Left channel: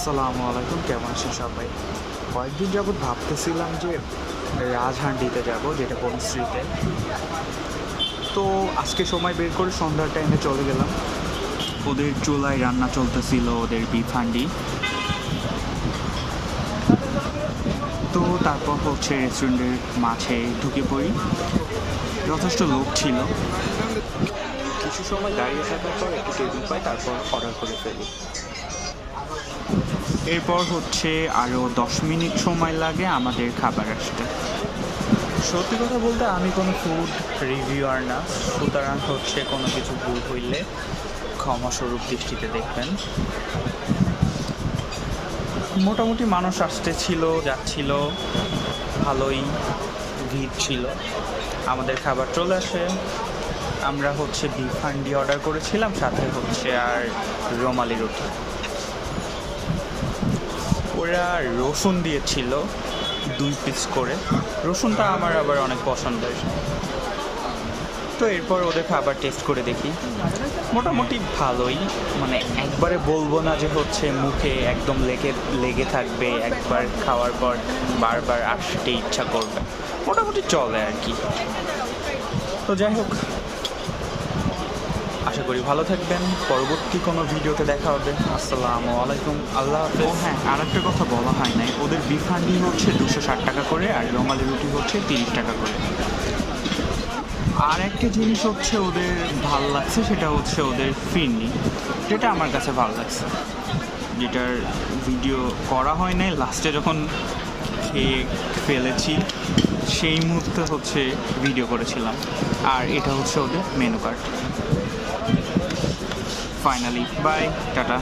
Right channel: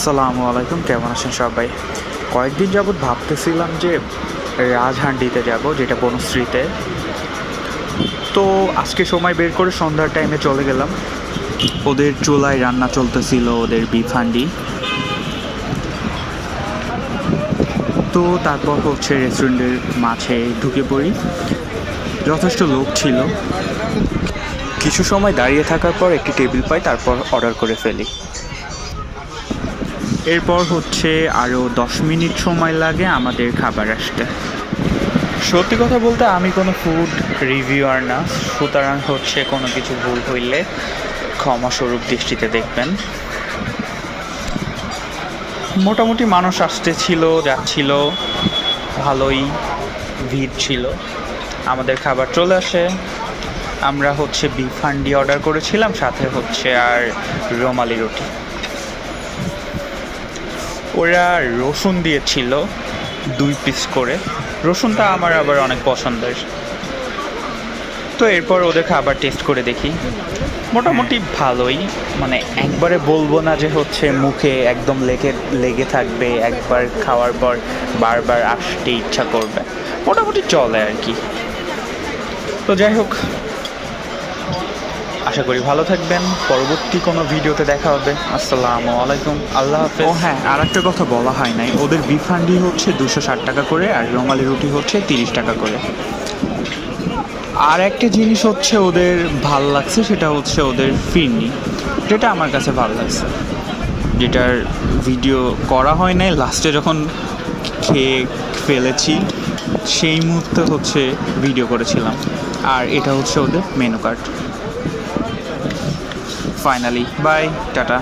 আসসালামু আলাইকুম, কেমন আছেন সবাই? কয়েকদিন যাবৎ ভাবতেছিলাম যে রাজহান্ডিতে যাব, যেটা বনশ্রীতে। তো আজকে সময় বের করে সন্ধ্যার টাইমে চলে গেলাম। ওদের চুলায় রান্না চলতেছিল, ওদের বিফ হান্ডি। তো তারপর হচ্ছে রেস্টুরেন্টের মাঝে ঢুকে পড়ি। যথেষ্ট লোক ছিল। কিছু সময় দাঁড়িয়ে থাকার পর একটি টেবিল পাই, তারপর অর্ডার করে ফেলি। এরপর হচ্ছে আরও 10 মিনিট সময় লাগে আমাদের খাবার আসতে। সত্যি কথা বলতে আমি কোনো ফুড রিভিউয়ার না, সুতরাং হচ্ছে কোনো কিছু ভুল হইলে ক্ষমাস্বরূপ দৃষ্টিতে দেখবেন। মোটামুটি মানুষ আসতেছিল, যাচ্ছিল, ভালোই ভিড় ছিল। আমাদের খাবার চলে আসে। আমরা হচ্ছে বিফ হান্ডি অর্ডার করেছিলাম, সাথে হচ্ছে আর রুমালি রুটি। ওরা রসুন দিয়েছিল 2 পিস করে। রসুনটা আমার আবার অনেক পছন্দের। তো এরপর ওদের খাবার টেস্ট করে দেখি, মোটামুটি ভালোই। মানে একবারে বলবো না যে হচ্ছে মুখে একদম লেগে থাকবে, একবার খাওয়ার পর বারবার আসতে ইচ্ছা করবে। মোটামুটি চলে আর কি। তো যাই হোক, আশা করি ভালো থাকবেন। পরবর্তী কোনো ভিডিওতে দেখা হবে। আসসালামু আলাইকুম, আল্লাহ হাফেজ। ও হ্যাঁ, আর একটা কথা বলা হয় নাই, ওদের বিফ হান্ডি হচ্ছে 260 টাকা করে, আর রুমালি রুটি হচ্ছে 30 টাকা করে। আর একটা জিনিস হচ্ছে ওদের ভাল লাগছে, সেটা হচ্ছে ওদের ফিরনি, যেটা আমার কাছে ভালো লাগছে। যেটার ভিডিও করা হয় নাই, লাস্টে যখন খেয়ে ফেলেছি সেই মুহূর্তে হচ্ছে ভিডিও করেছিলাম। আর এটা হচ্ছে ওদের menu card. Finally bye, tata.